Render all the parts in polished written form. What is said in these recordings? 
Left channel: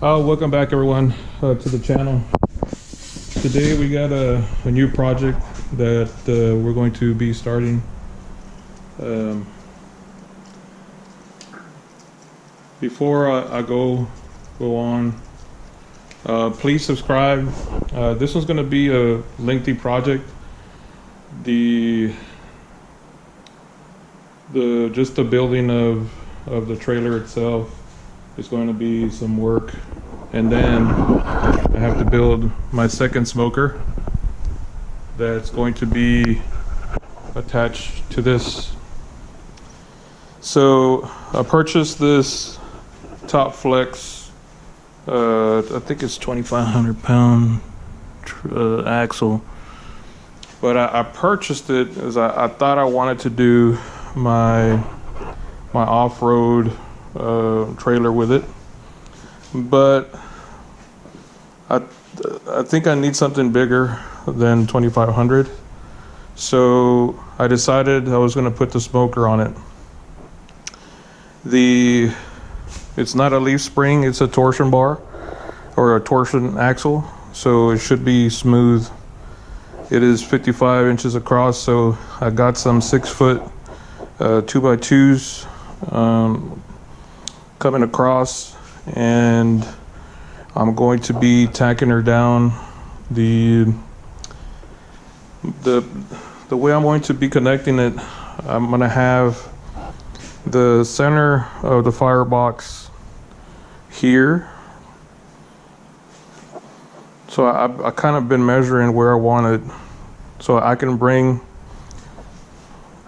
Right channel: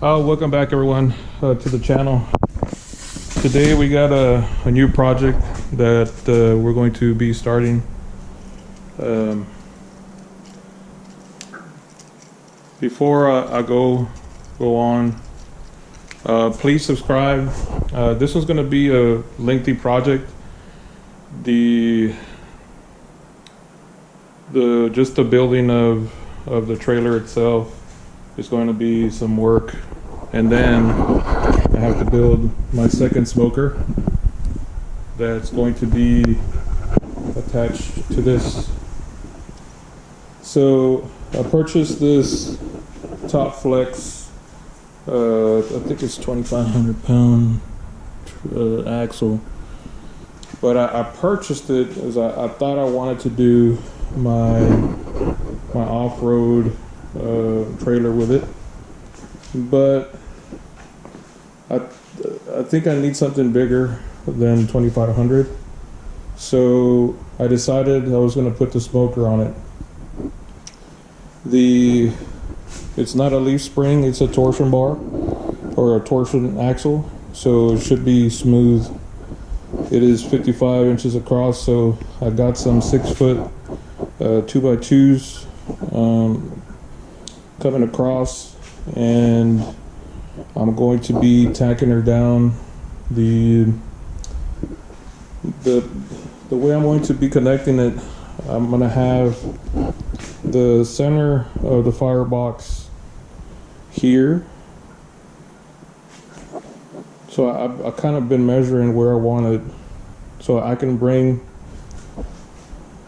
Welcome back everyone to the channel. Today we got a new project that we're going to be starting. Before I go on, please subscribe. This one's going to be a lengthy project. Just the building of the trailer itself is going to be some work, and then I have to build my second smoker that's going to be attached to this. So I purchased this Top Flex, I think it's 2,500 pound axle, but I purchased it as I thought I wanted to do my off-road trailer with it, but I think I need something bigger than 2,500, so I decided I was going to put the smoker on it. It's not a leaf spring, it's a torsion bar or a torsion axle, so it should be smooth. It is 55 inches across, so I got some 6-foot 2x2s coming across, and I'm going to be tacking her down. The way I'm going to be connecting it, I'm going to have the center of the firebox here. So I kind of been measuring where I want it, so I could bring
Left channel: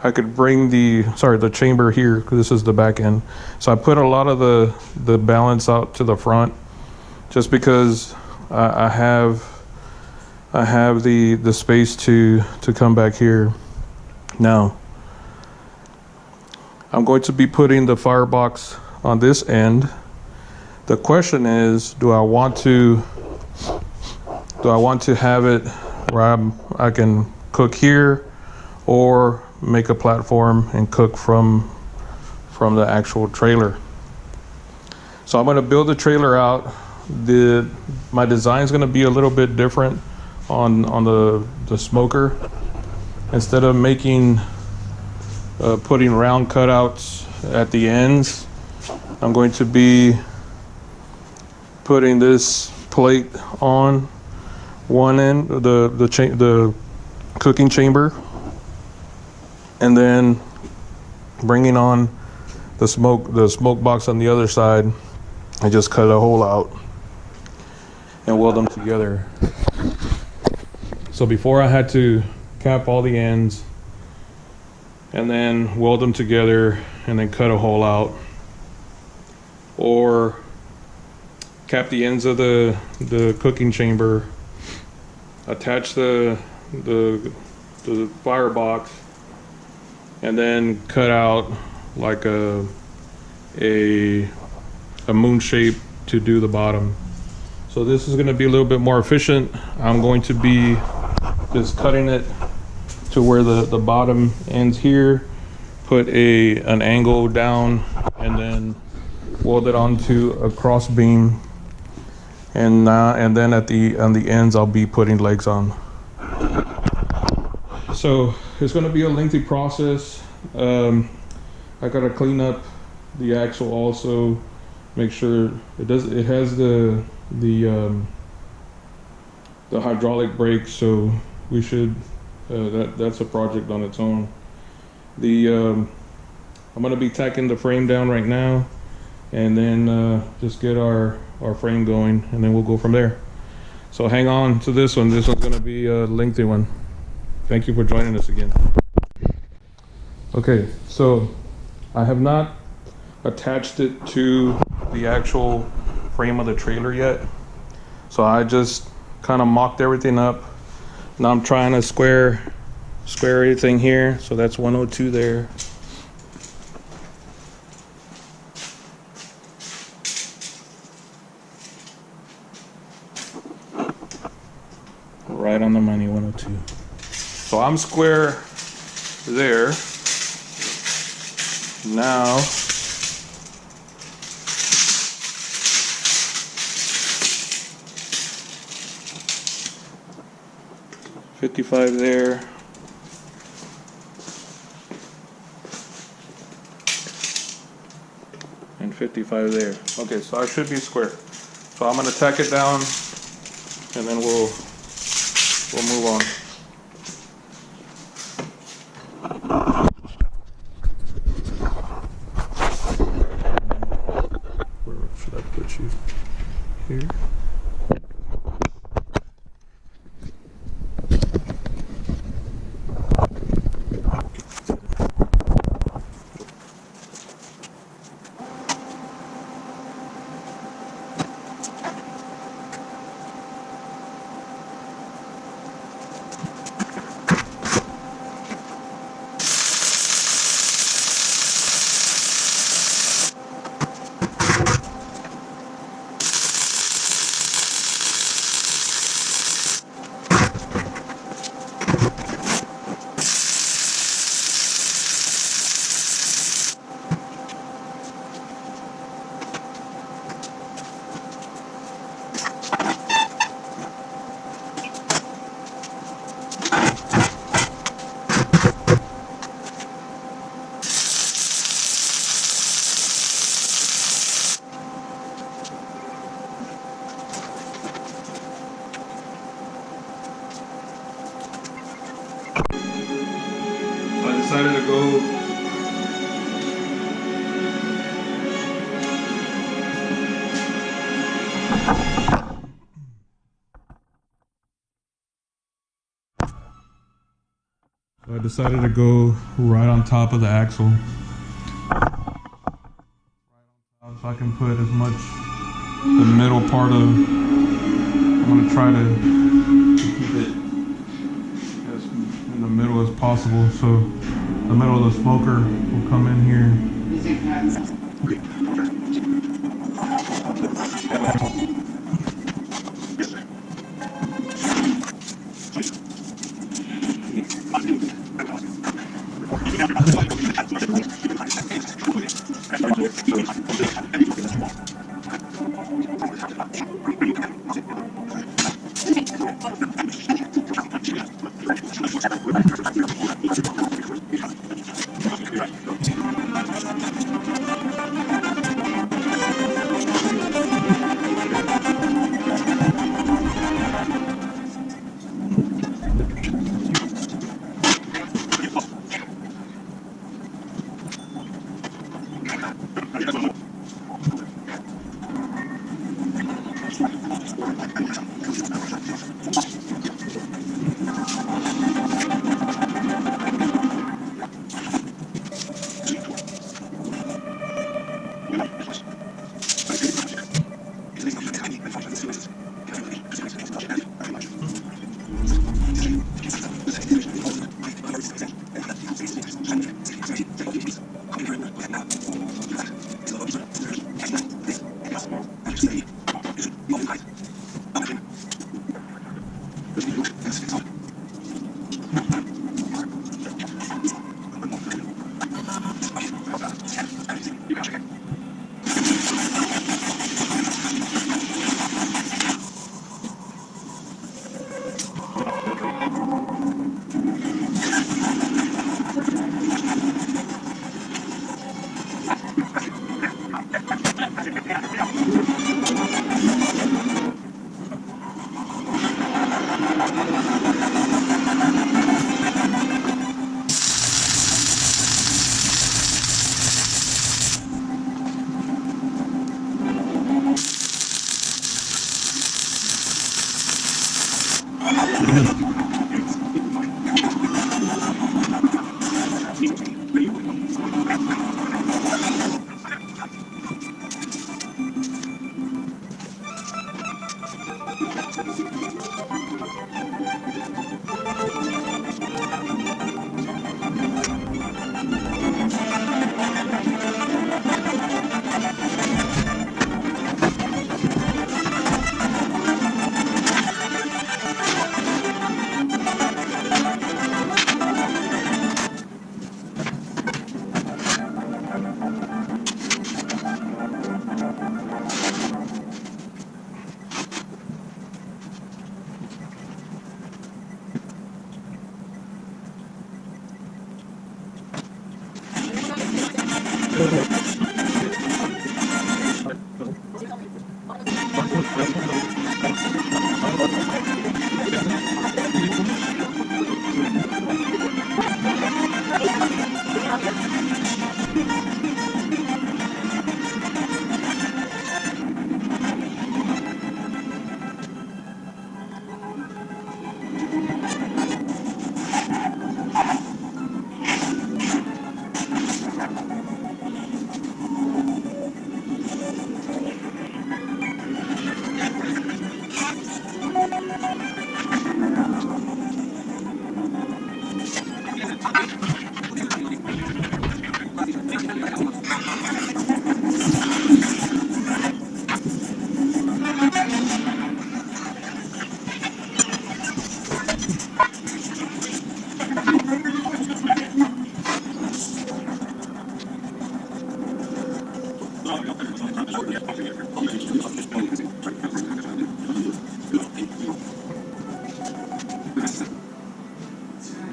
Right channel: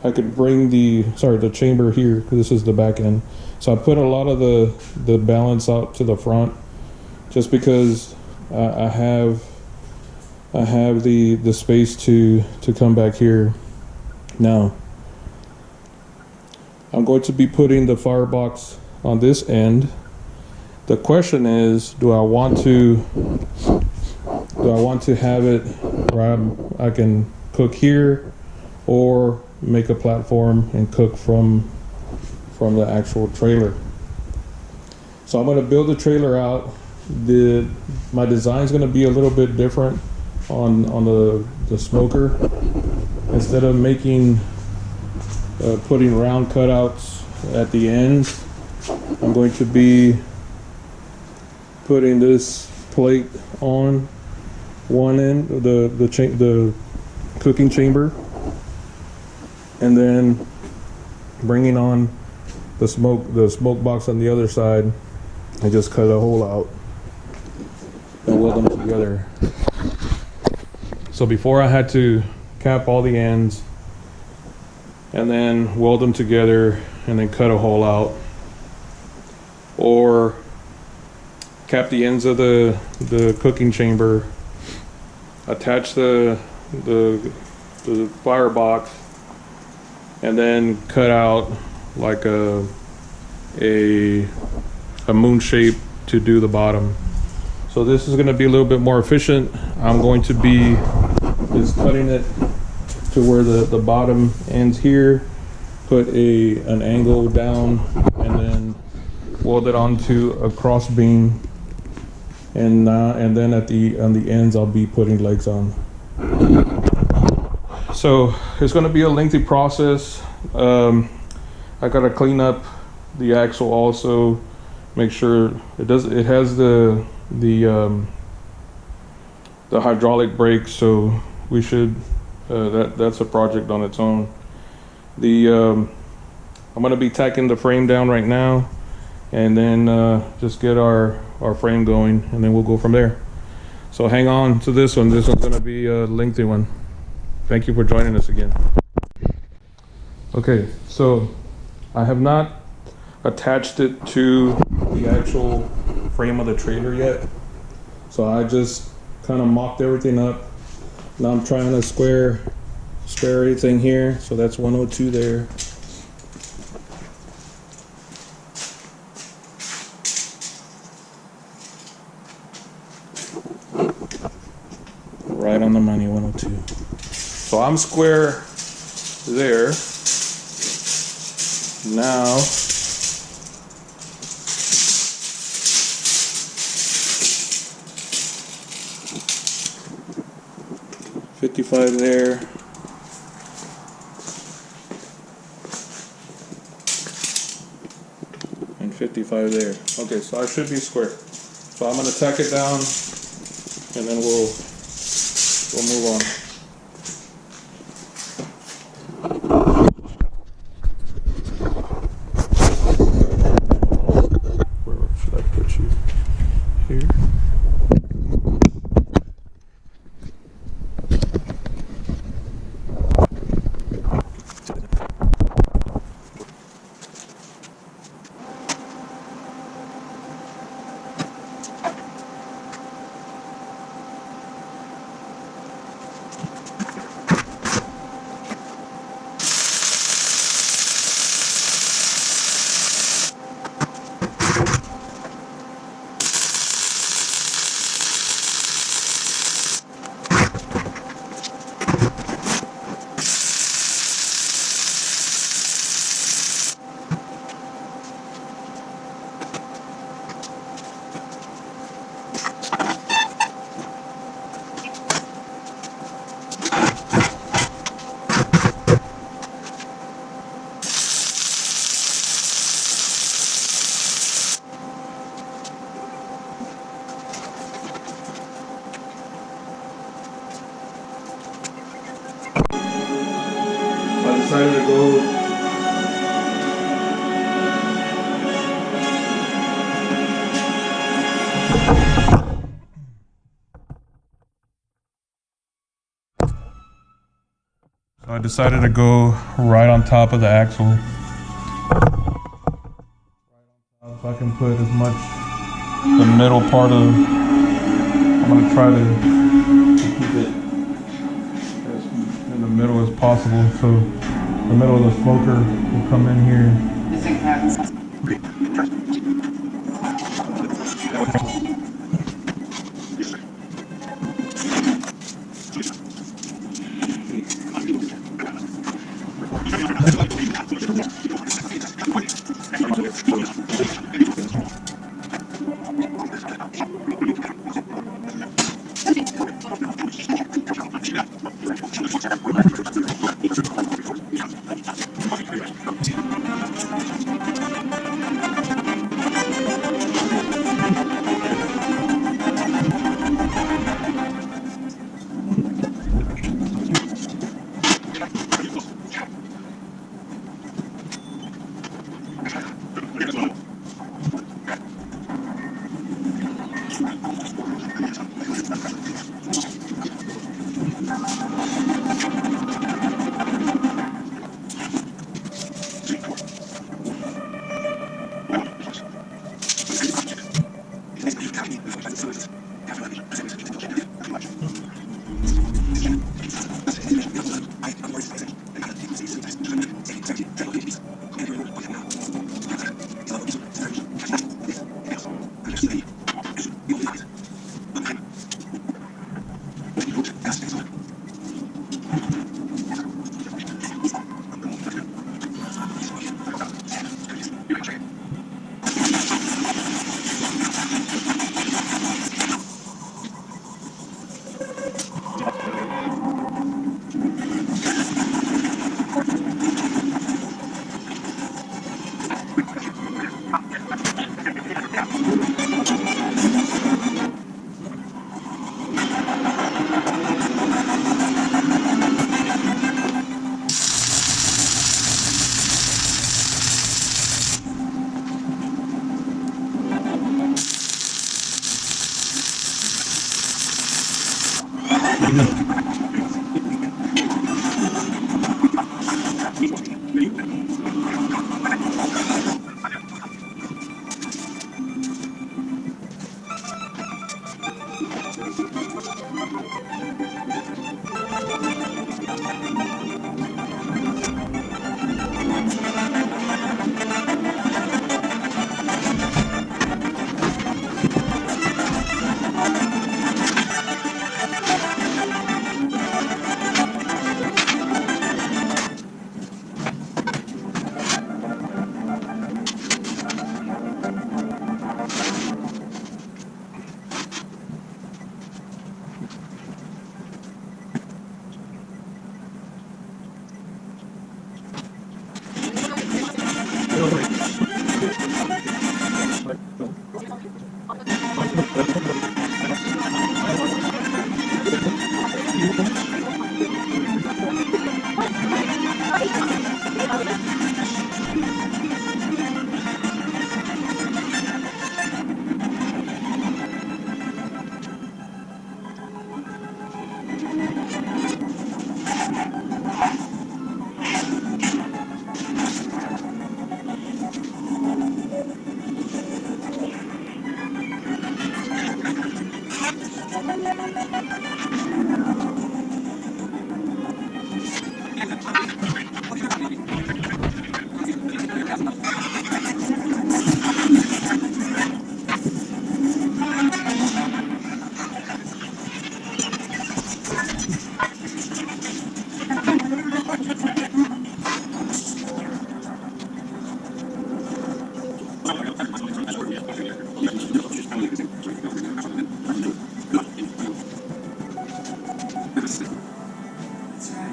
the chamber here, because this is the back end. So I put a lot of the balance out to the front, just because I have the space to come back here. Now I'm going to be putting the firebox on this end. The question is, do I want to have it where I can cook here, or make a platform and cook from the actual trailer? So I'm going to build the trailer out. My design is going to be a little bit different on the smoker. Instead of putting round cutouts at the ends, I'm going to be putting this plate on one end, the cooking chamber, and then bringing on the smoke box on the other side. I just cut a hole out and weld them together. So before I had to cap all the ends and then weld them together and then cut a hole out, or cap the ends of the cooking chamber, attach the firebox, and then cut out like a moon shape to do the bottom. So this is going to be a little bit more efficient. I'm going to be just cutting it to where the bottom ends here, put an angle down, and then weld it onto a cross beam, and then on the ends I'll be putting legs on. So it's going to be a lengthy process. I got to clean up the axle also, make sure it has the hydraulic brakes, so we should that's a project on its own. I'm going to be tacking the frame down right now, and then just get our frame going, and then we'll go from there. So hang on to this one. This one's going to be a lengthy one. Thank you for joining us again. Okay, so I have not attached it to the actual frame of the trailer yet, so I just kind of mocked everything up. Now I'm trying to square everything here, so that's 102 there. Right on the money, 102. So I'm square there. Now 55 there. And 55 there. Okay, so I should be square. So I'm gonna tack it down and then we'll move on. Where should I put you? Here? I decided to go right on top of the axle. So I can put as much the middle part of, I'm going to try to keep it as in the middle as possible, so the middle of the smoker will come in here.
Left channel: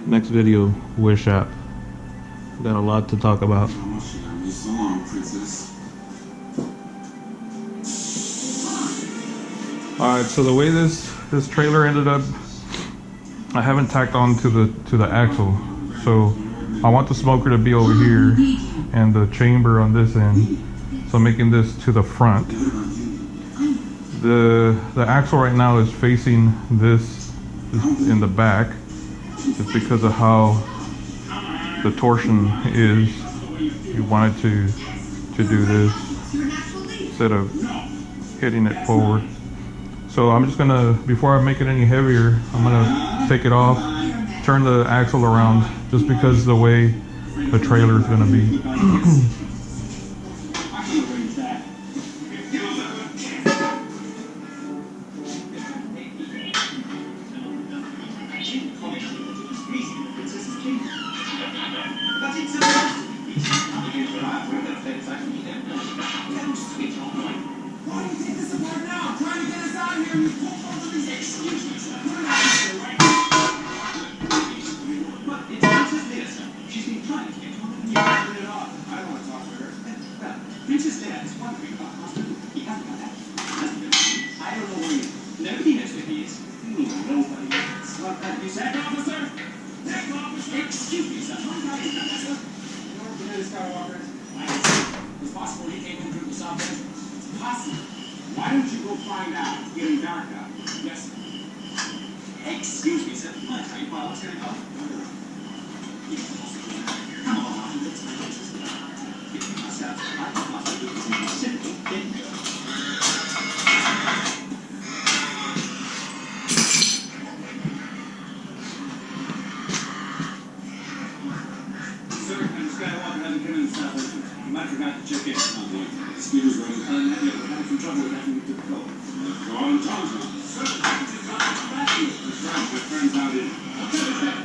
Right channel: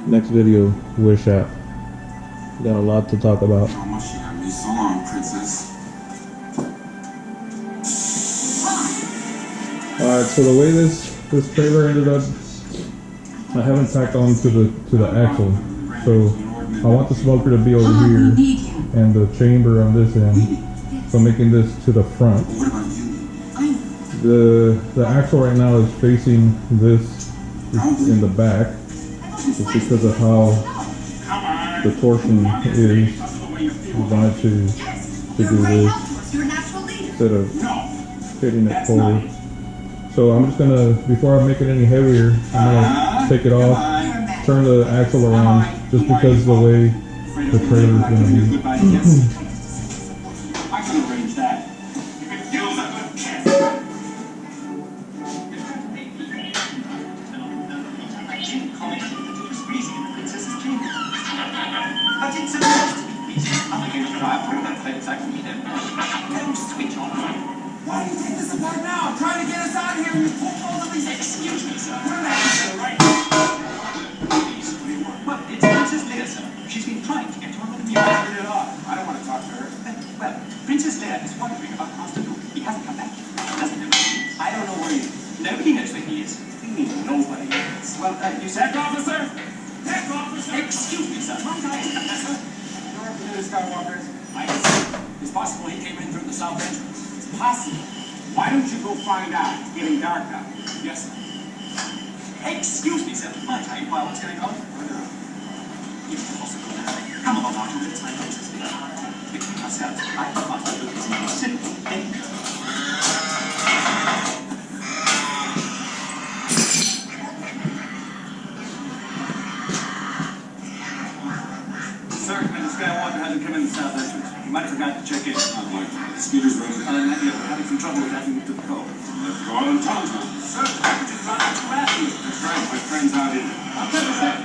Next video, Wish app. Got a lot to talk about. So long, princess. Alright, so the way this trailer ended up, I haven't tacked on to the axle. So I want the smoker to be over here and the chamber on this end. So making this to the front. The axle right now is facing this in the back. It's because of how the torsion is. We wanted to do this instead of hitting it forward. So I'm just gonna, before I make it any heavier, I'm gonna take it off, turn the axle around, just because of the way the trailer is gonna be. Princess Leia is wondering about the hospital. He hasn't come back. Doesn't he? I don't know where he is. Nobody knows where he is. Nobody knows. Well, you said, officer? Heck, officer! Excuse me, sir. You're Lieutenant Skywalker. It's possible he came in through the south entrance. It's possible. Why don't you go find out? It's getting dark out. Yes, sir. Excuse me, sir. Mind, are you what's going to come? Come on, Martin. It's my place. Skywalker hasn't come in the south entrance. You might have forgot to check in. The scooter's running. We're having some trouble connecting to the code. Go on, Tonto. Sir, I'm just trying to come at you. That's right, with friends out here. I'll tell you that.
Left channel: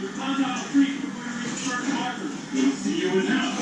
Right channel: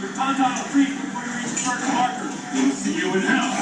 You're Tonto on the creek before you reach the first marker. We'll see you in hell.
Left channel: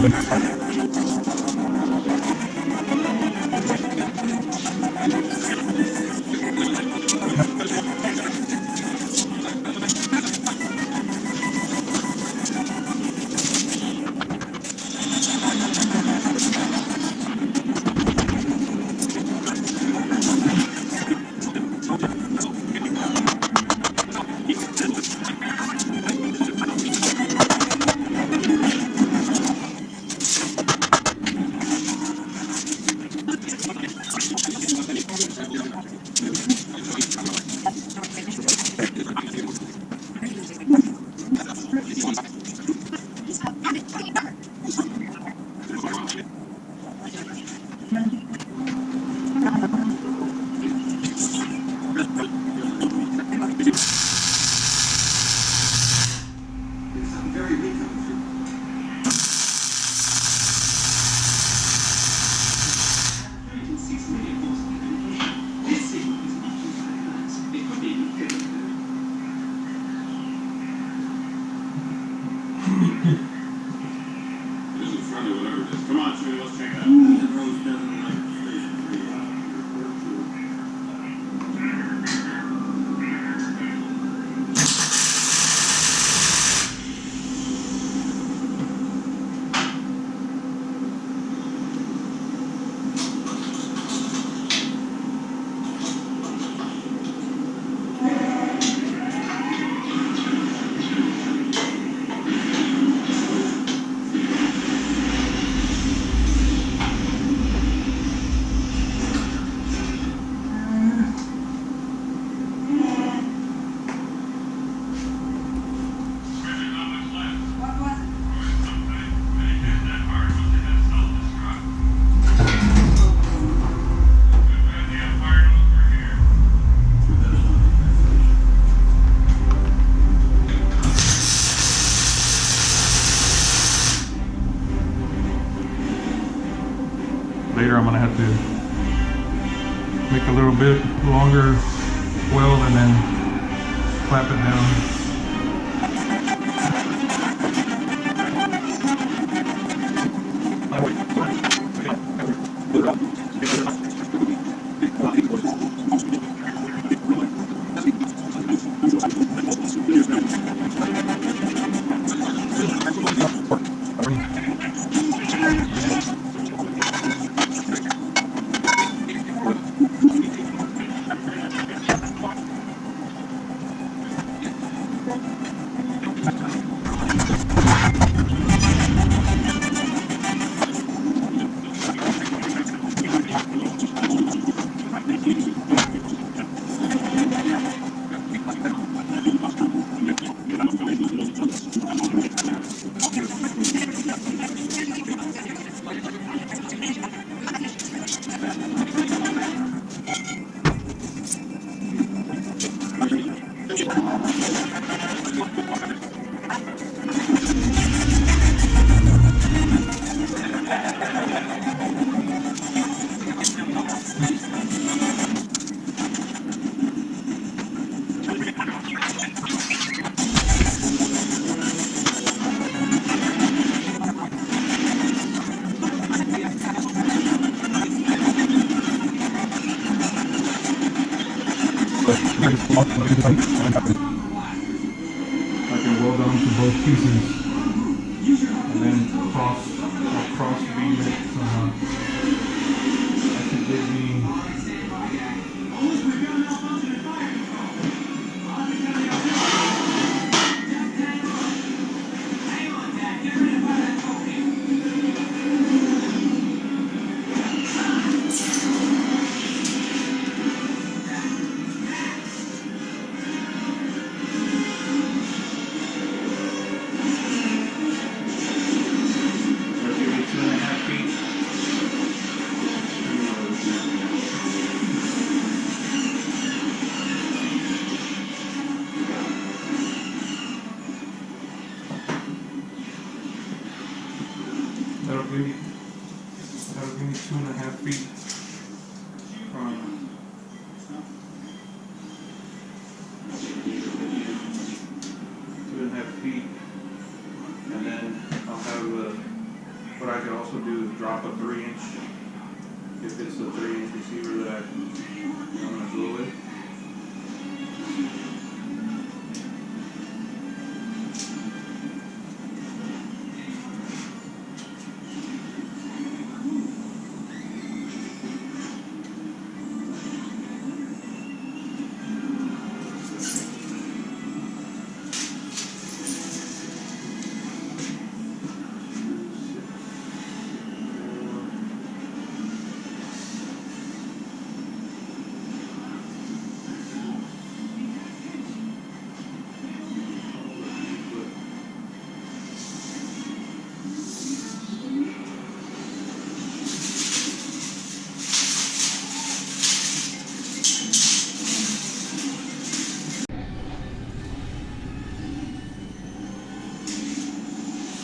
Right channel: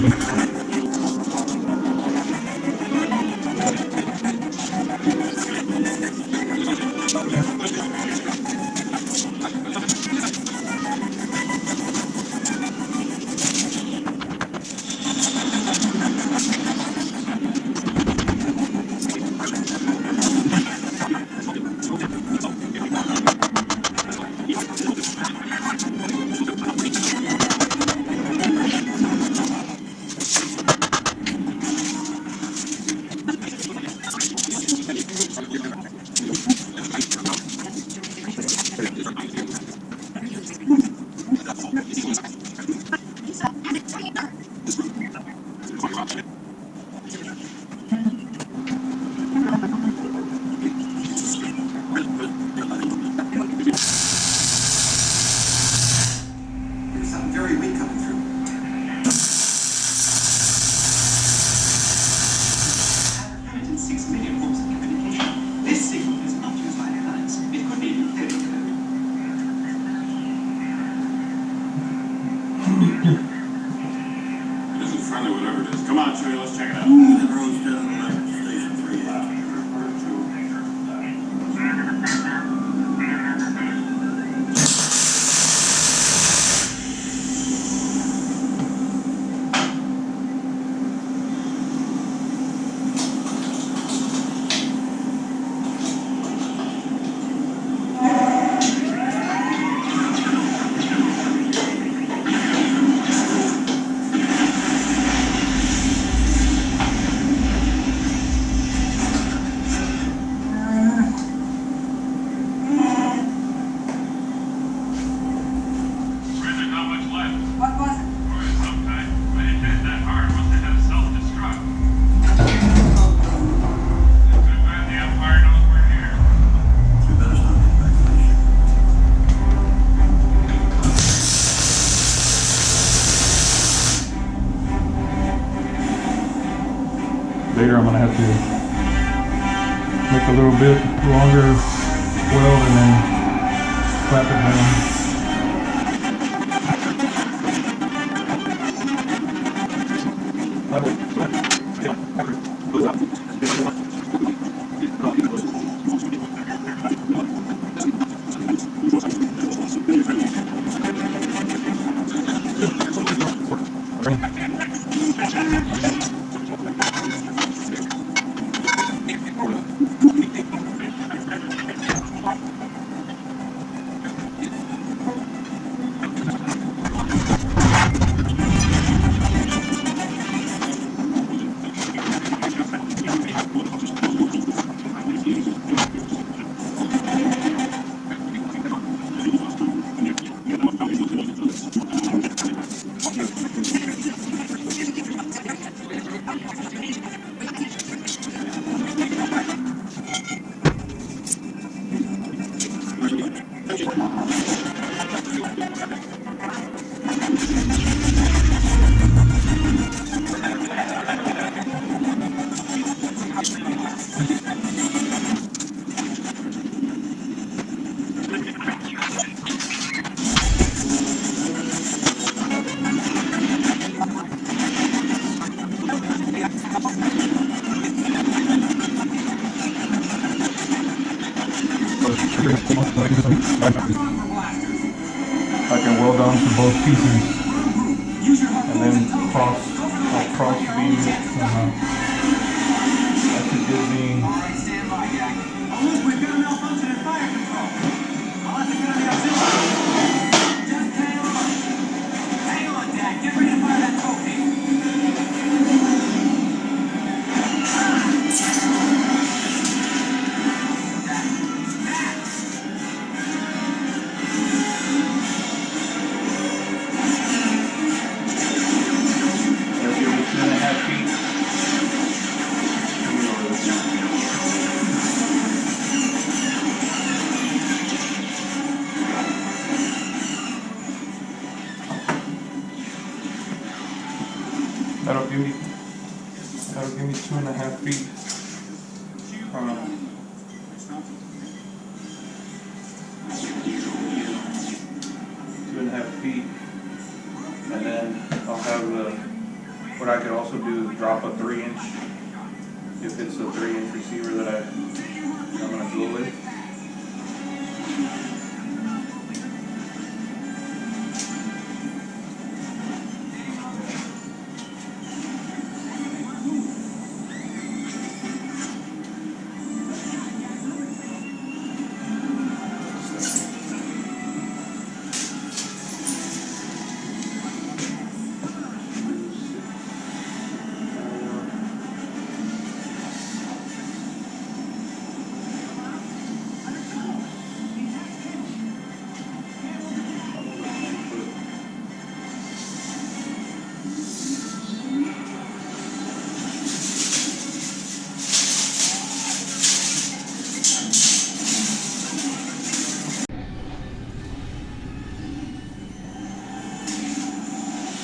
There's something very weak coming through. Intelligence seeks many forms of communication. This signal is not used by guns. It could be encrypted. This is friendly, whatever it is. Come on, Chewie, let's check it out. Later I'm gonna have to make a little bit longer weld and then clap it down. I can weld onto both pieces and then I'll cross beam it somehow. That should give me that'll give me 2.5 feet from 2.5 feet, and then I'll have the What I could also do is drop a 3-inch, if it's a 3-inch receiver that I'm gonna go with.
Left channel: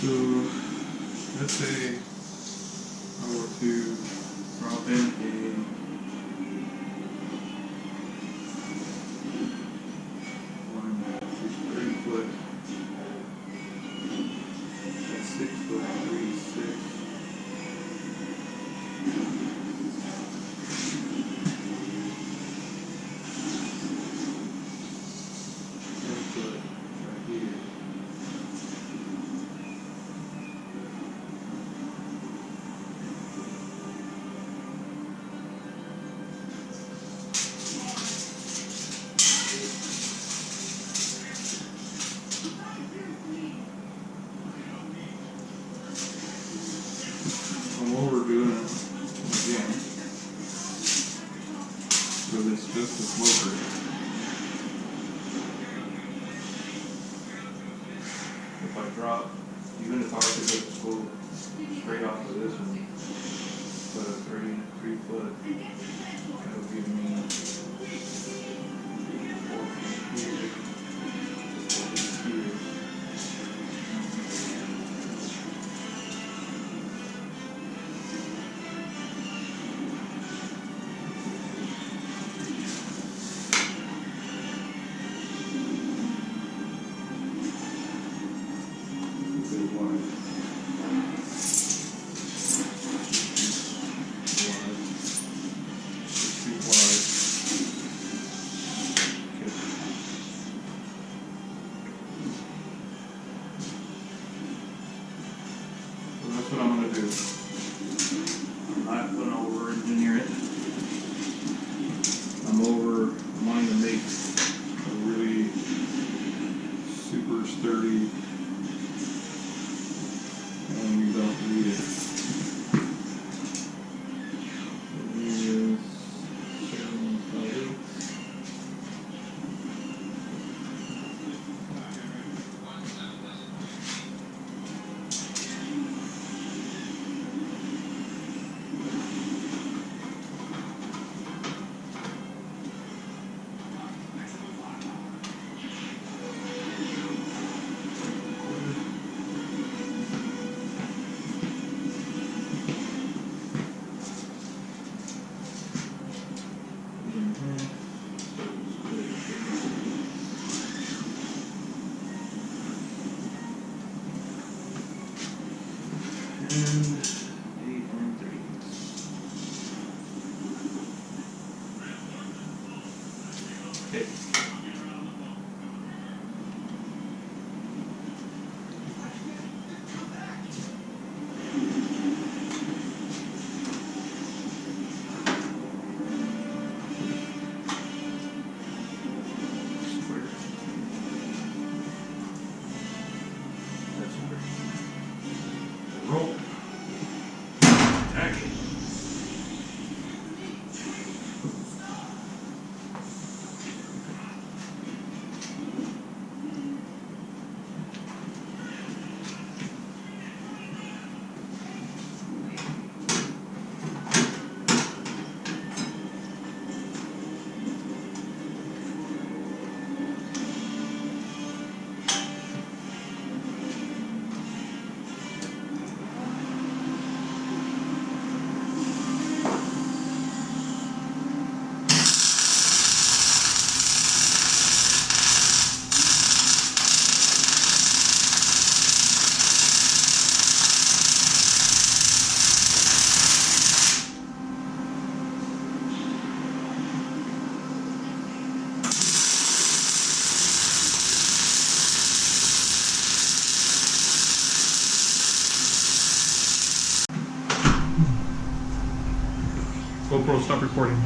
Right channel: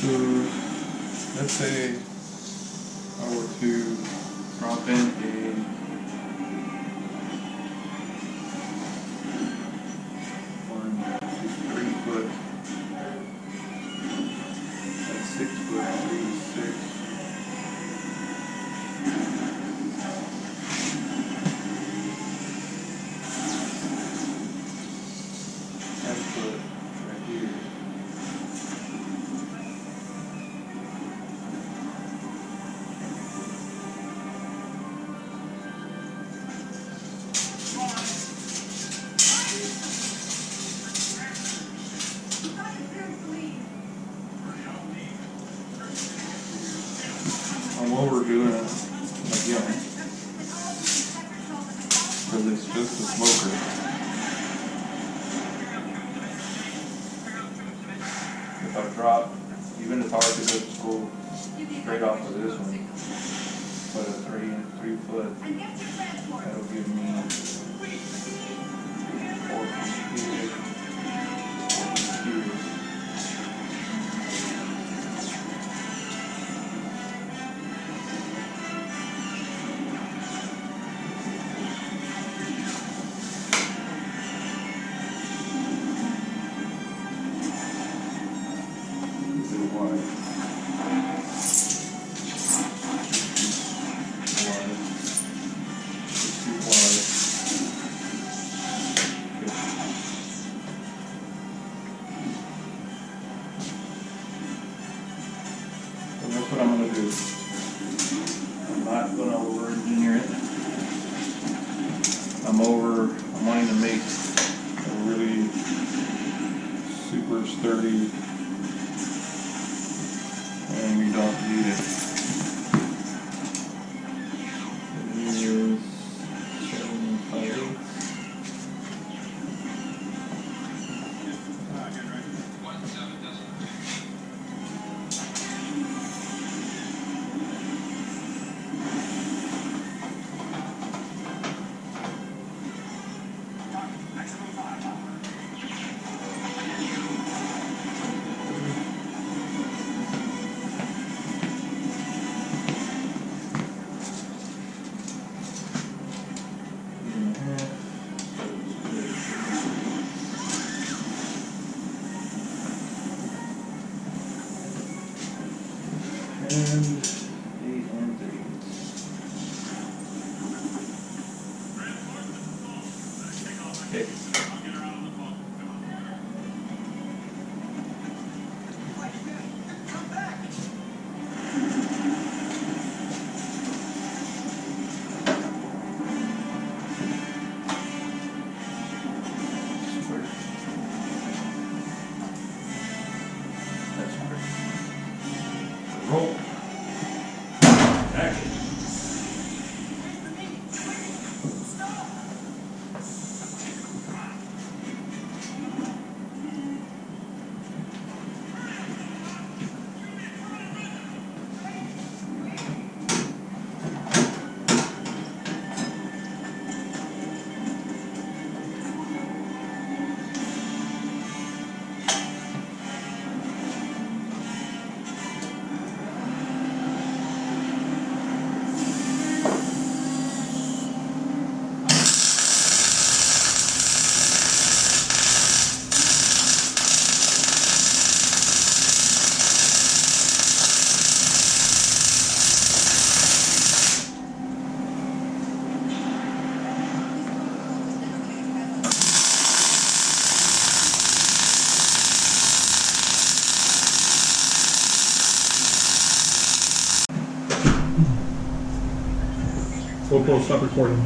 So, let's say I were to drop in a 3-foot, a 6-foot, 3, 6. Foot right here. And what we're doing again, because it's just a smoker. If I drop, even if I were to just go straight off of this one, put a 3 foot, that'll give me 4 feet here, 4 feet here. That's what I'm going to do. I'm not going to over-engineer it. I'm wanting to make a really super sturdy, and we don't need it. It is 7.5. And 8 and 3. Okay. Square. That's square. Roll. Action. GoPro, stop recording.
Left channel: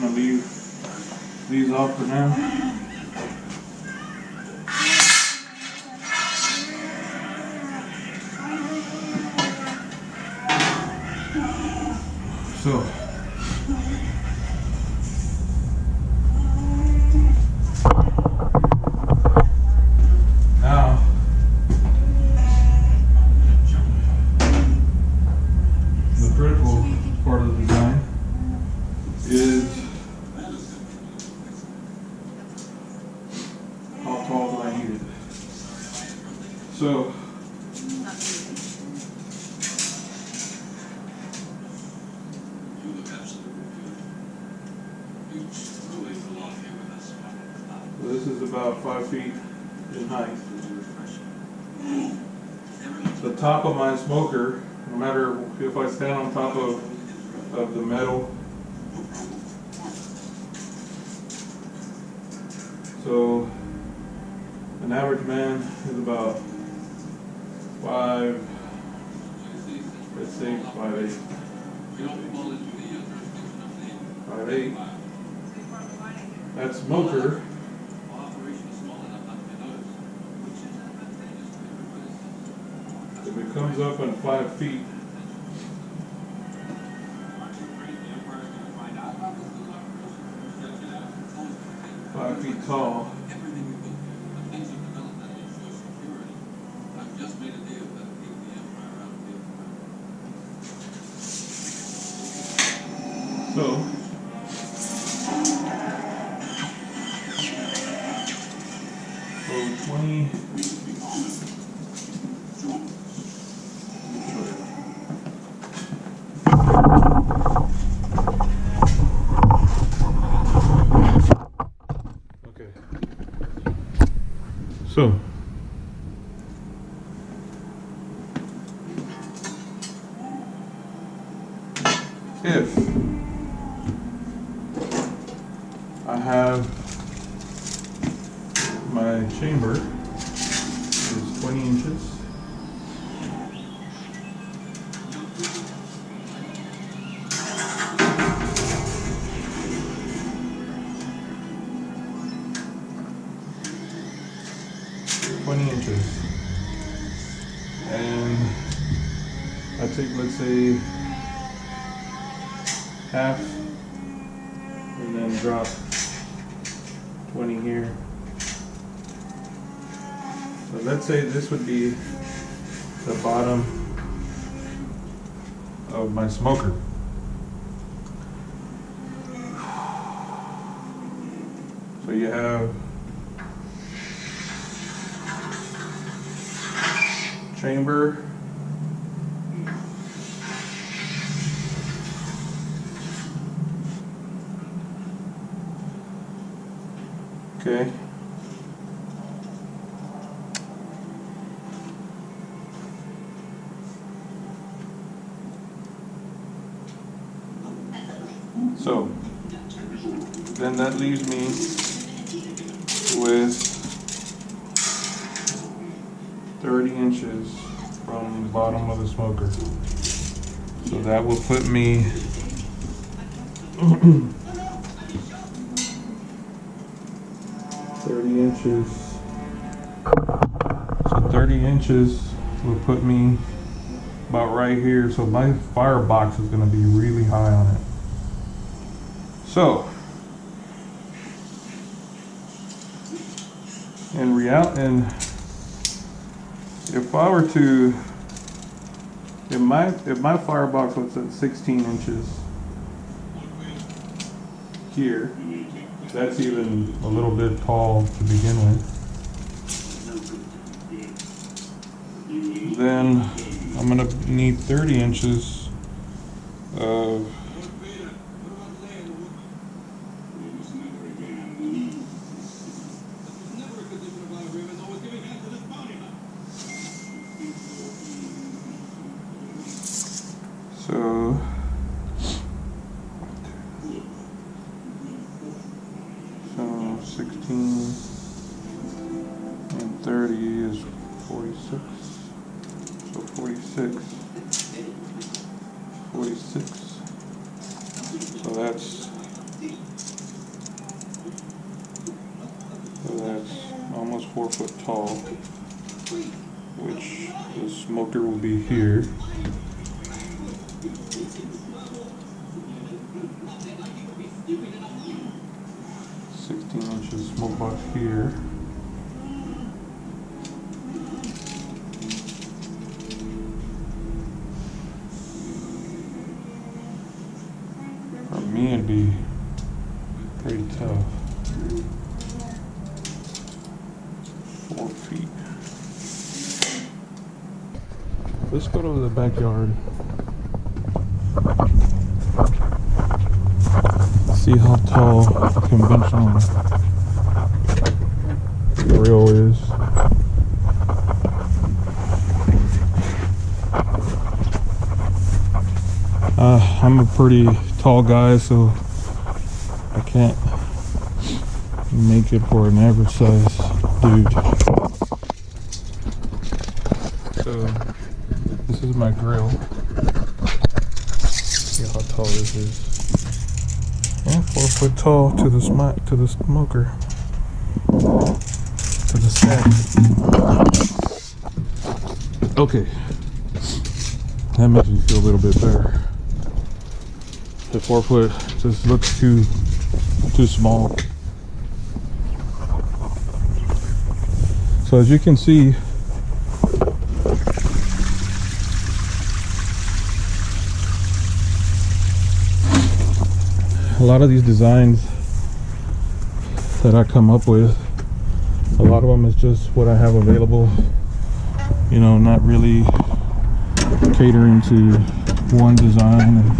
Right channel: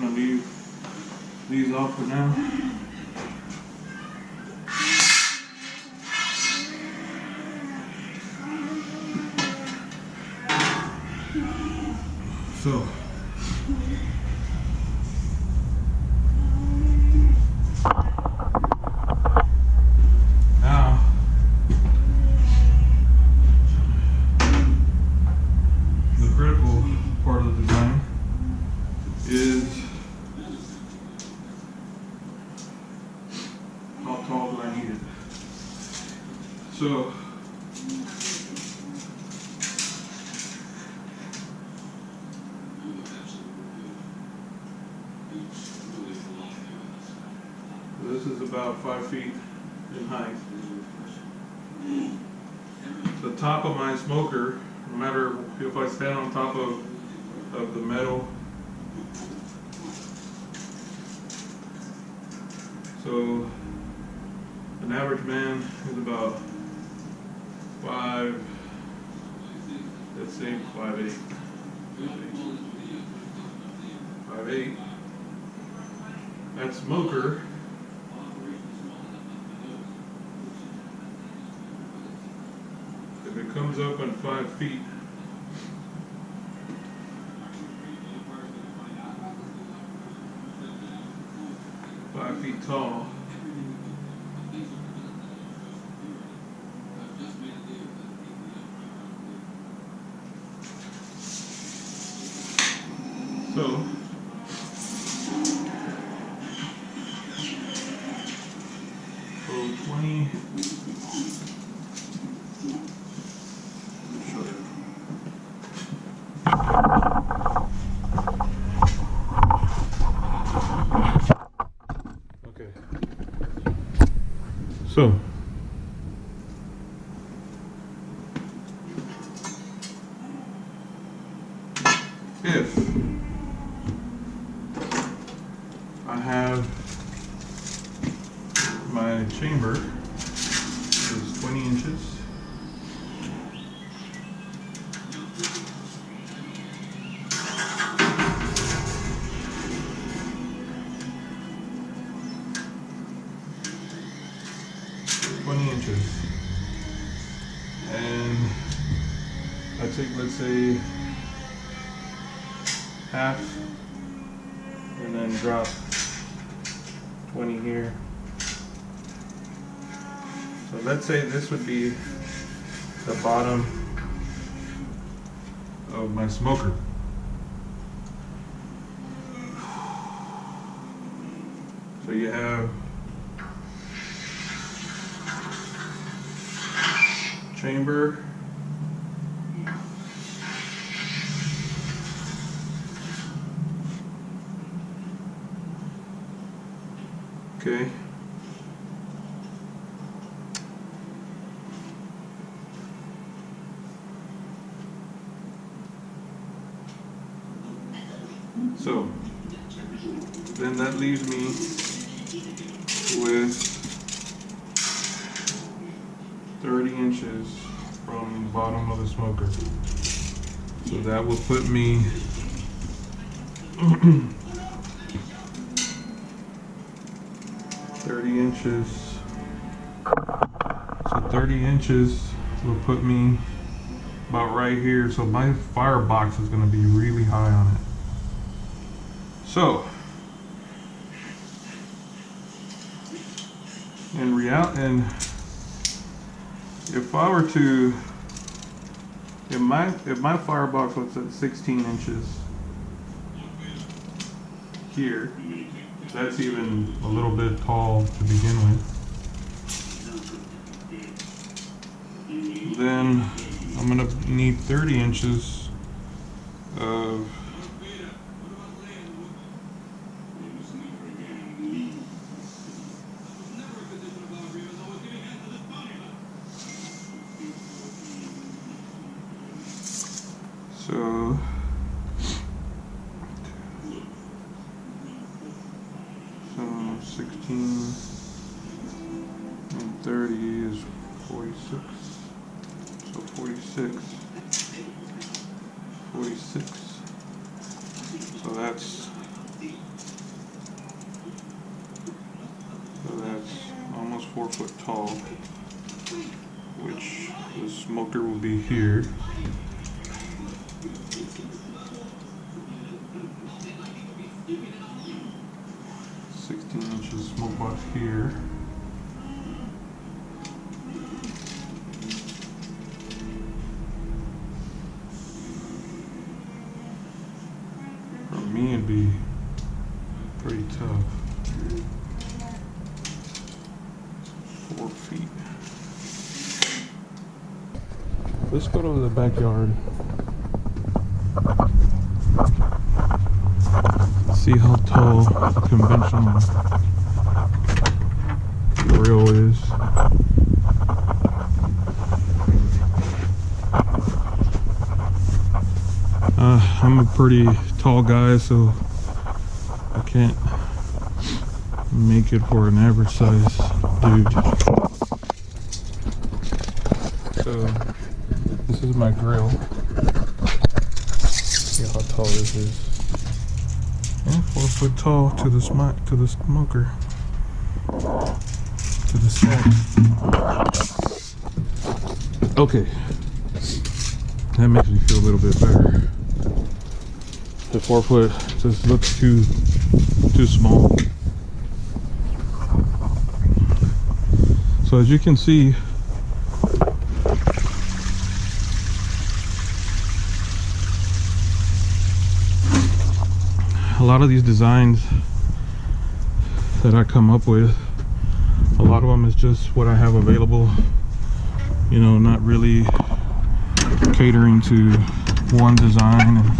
gonna leave these off for now. So now the critical part of the design is how tall do I need it. So this is about 5 feet in height. The top of my smoker, no matter if I stand on top of the metal, so an average man is about 5, let's say 5'8". 5'8". That smoker if it comes up on 5 feet, tall, so so 20. So if I have my chamber is 20 inches, and I take, let's say, half and then drop 20 here. So let's say this would be the bottom of my smoker. So you have chamber, okay, so then that leaves me with 30 inches from the bottom of the smoker. So that will put me 30 inches. So 30 inches will put me about right here. So my firebox is going to be really high on it. So in reality, and if I were to, if my firebox was at 16 inches here, that's even a little bit tall to begin with, then I'm gonna need 30 inches of so 16 and 30 is 46. So 46. So that's tall, which the smoker will be here. Inches smoke box here. For me, it'd be pretty tough. 4 feet. Let's go to the backyard. See how tall a conventional grill is. I'm a pretty tall guy, so I can't make it for an average size dude. So this is my grill. See how tall this is. And 4 foot tall to the smoker. To the stack. Okay. That makes me feel a little bit better. The 4 foot just looks too small. So as you can see, a lot of these designs that I come up with, a lot of them is just what I have available, you know, not really catering to one design, and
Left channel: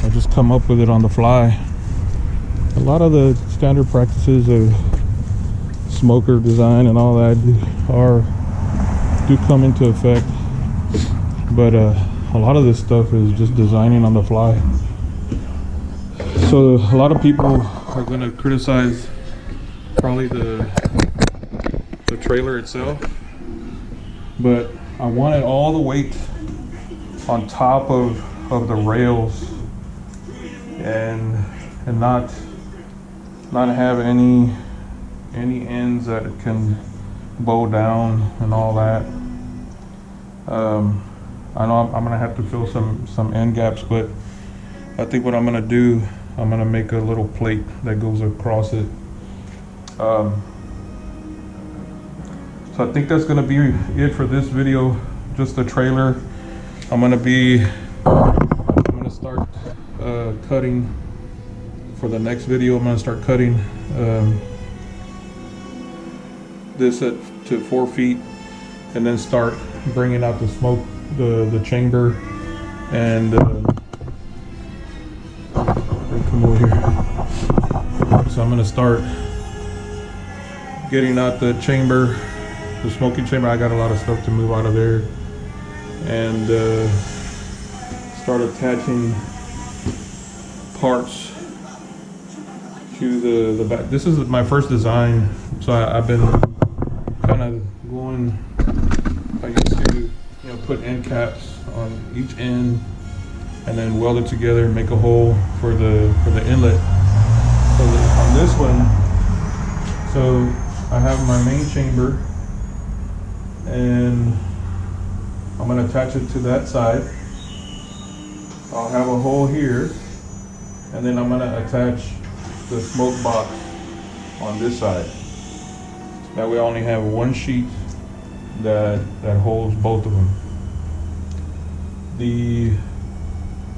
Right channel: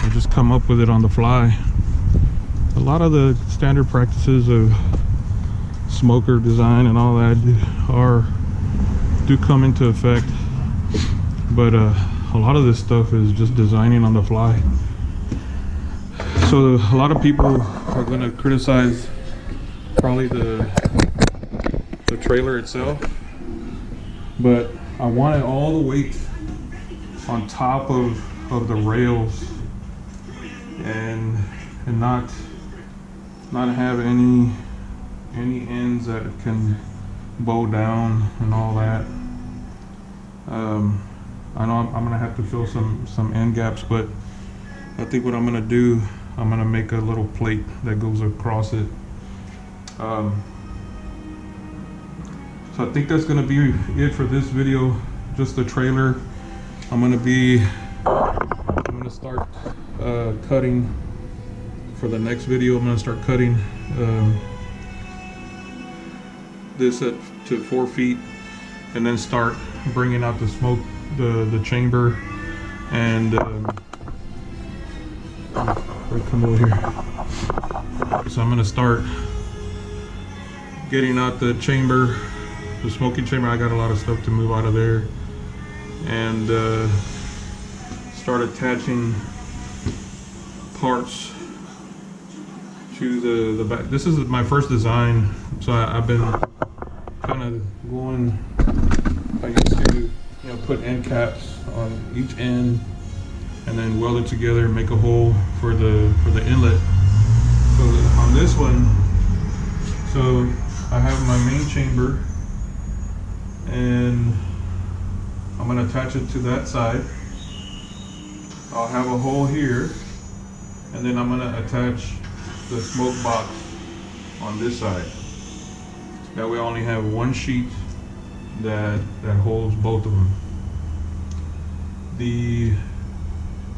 I just come up with it on the fly. A lot of the standard practices of smoker design and all that do come into effect, but a lot of this stuff is just designing on the fly. So a lot of people are going to criticize probably the trailer itself, but I wanted all the weight on top of the rails and not have any ends that it can bow down and all that. I know I'm gonna have to fill some end gaps, but I think what I'm gonna do, I'm gonna make a little plate that goes across it. So I think that's gonna be it for this video, just the trailer. I'm gonna start cutting for the next video. I'm gonna start cutting this to 4 feet, and then start bringing out the smoke, the chamber, and come over here. So I'm gonna start getting out the chamber, the smoking chamber. I got a lot of stuff to move out of there, and start attaching parts to the back. This is my first design, so I've been kind of going. I used to, put end caps on each end, and then weld it together and make a hole for the inlet. So on this one, so I have my main chamber, and I'm gonna attach it to that side. I'll have a hole here, and then I'm gonna attach the smoke box on this side. That way I only have one sheet that holds both of them.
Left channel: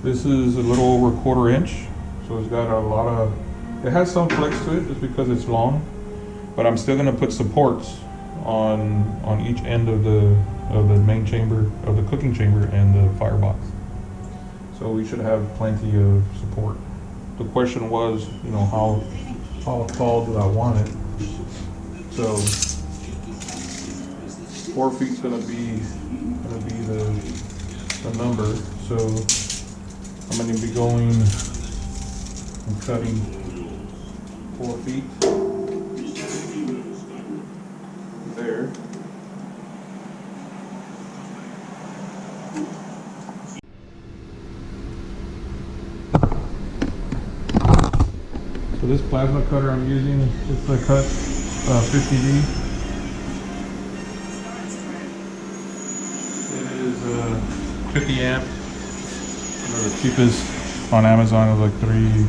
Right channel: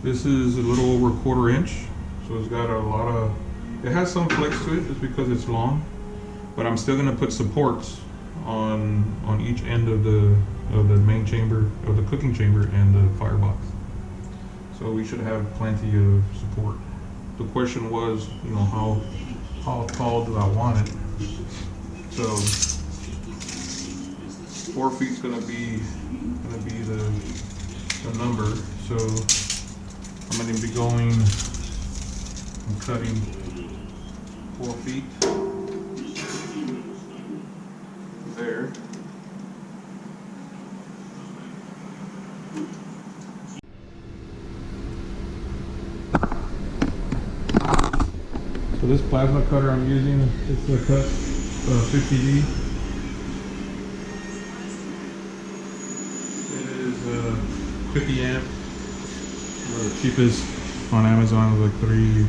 This is a little over 1/4 inch, so it's got a lot of, it has some flex to it just because it's long, but I'm still gonna put supports on each end of the main chamber, of the cooking chamber and the firebox. So we should have plenty of support. The question was, how tall do I want it? So 4 feet's gonna be the number. So I'm gonna be going and cutting 4 feet there. So this plasma cutter I'm using, it's a cut 50D. 50 amp. The cheapest on Amazon was like three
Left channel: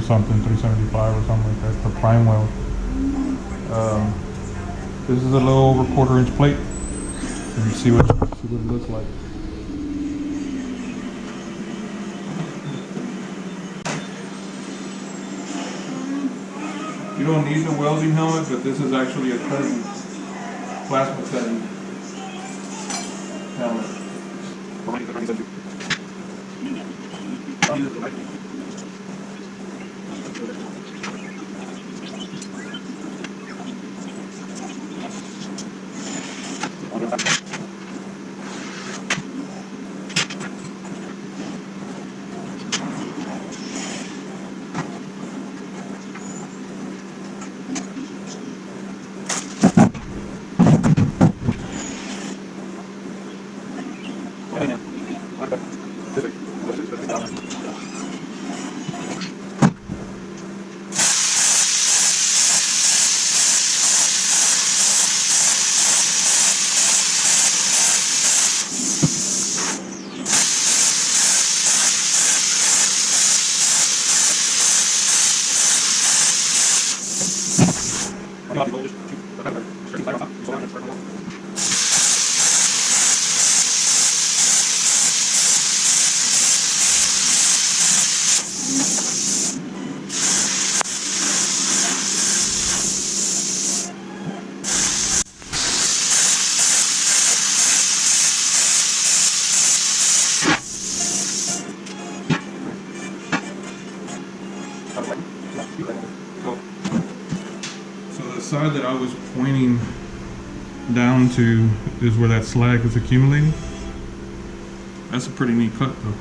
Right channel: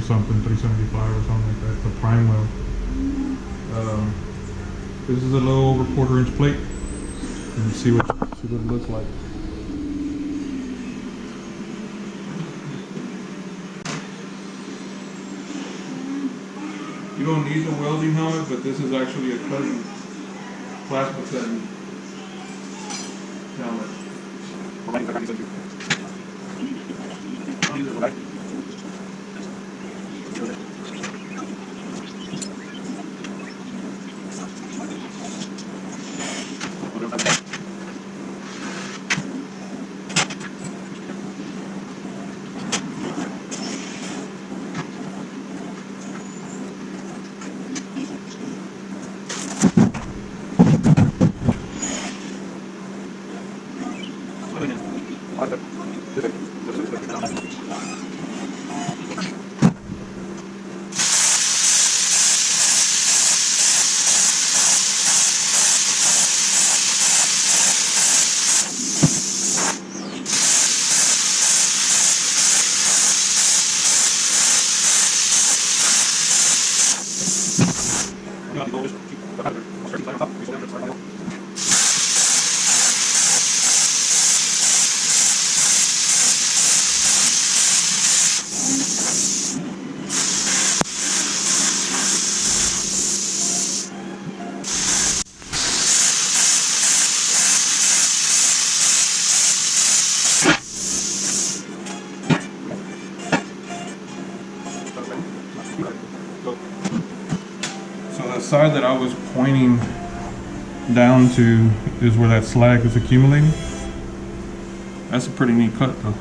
something, 375 or something like that. The prime weld. This is a little over quarter-inch plate. And you see what it looks like. You don't need the welding helmet, but this is actually a cutting, plasma cutting helmet. So the side that I was pointing down to is where that slag is accumulating. That's a pretty neat cut though.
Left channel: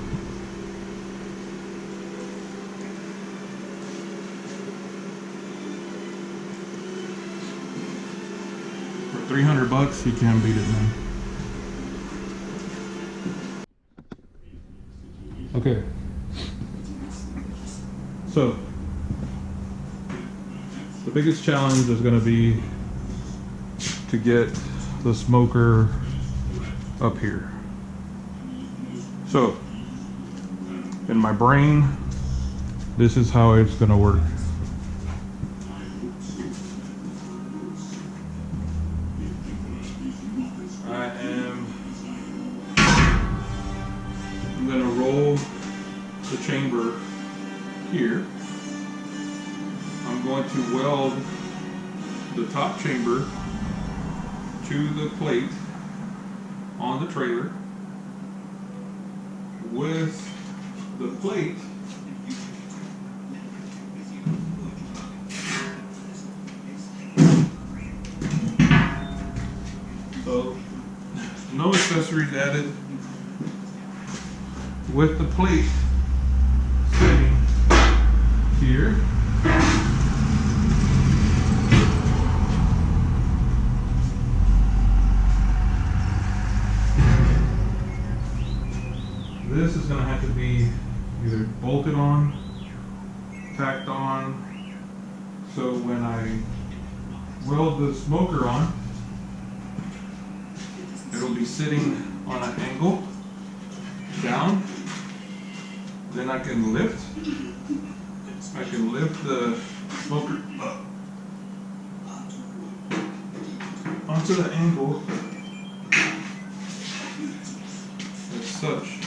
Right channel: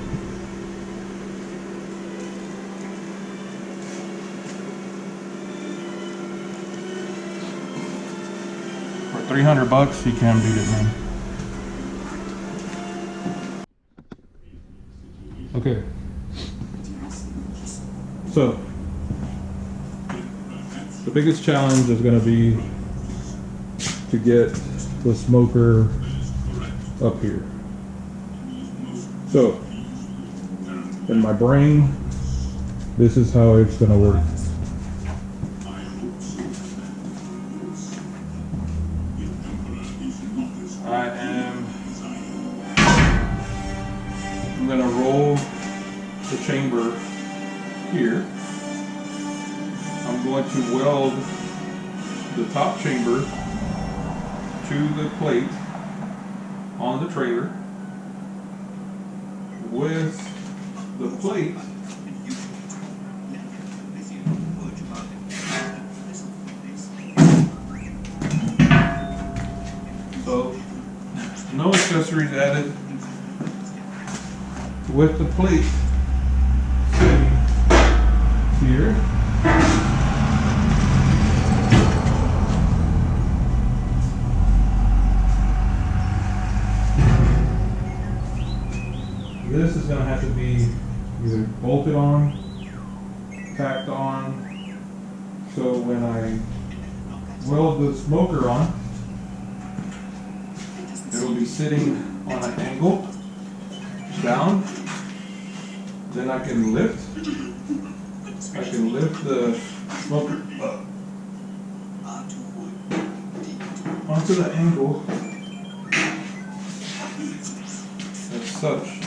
For 300 bucks, you can't beat it, man. Okay. So, the biggest challenge is going to be to get the smoker up here. So, in my brain, this is how it's going to work. I'm going to roll the chamber here. I'm going to weld the top chamber to the plate on the trailer with the plate so no accessories added, with the plate sitting here. This is going to have to be either bolted on, tacked on, so when I weld the smoker on, it'll be sitting on an angle down. Then I can lift the smoker up onto the angle as such.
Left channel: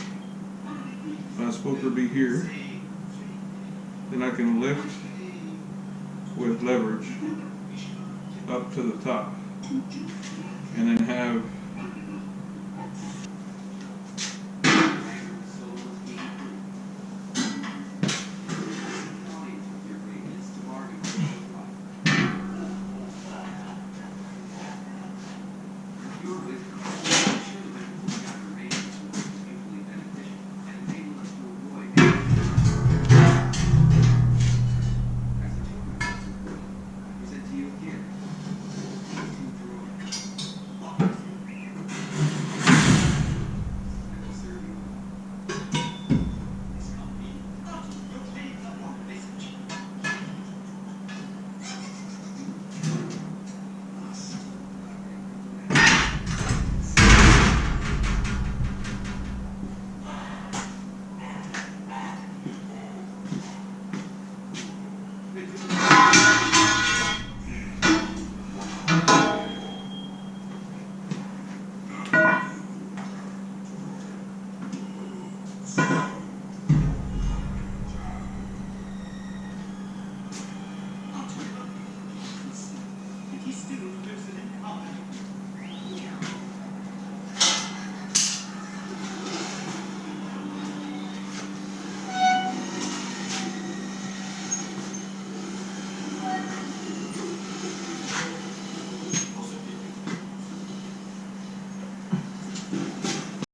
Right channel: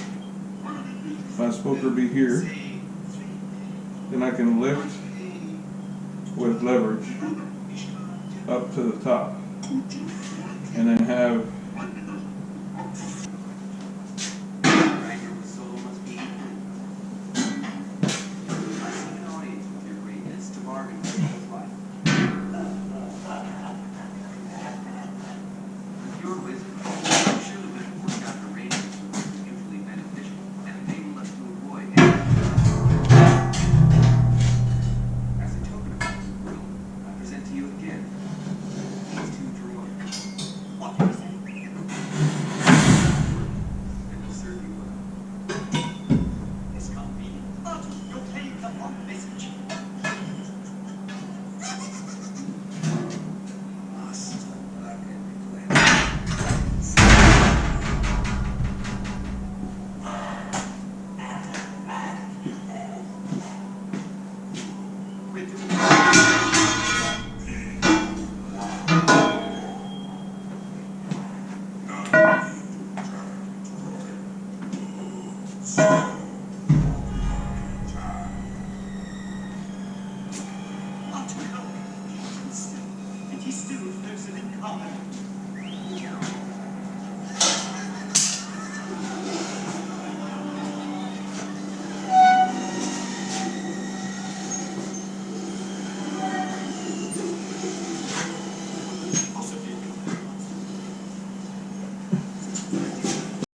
My smoker be here, then I can lift with leverage up to the top, and then have Thank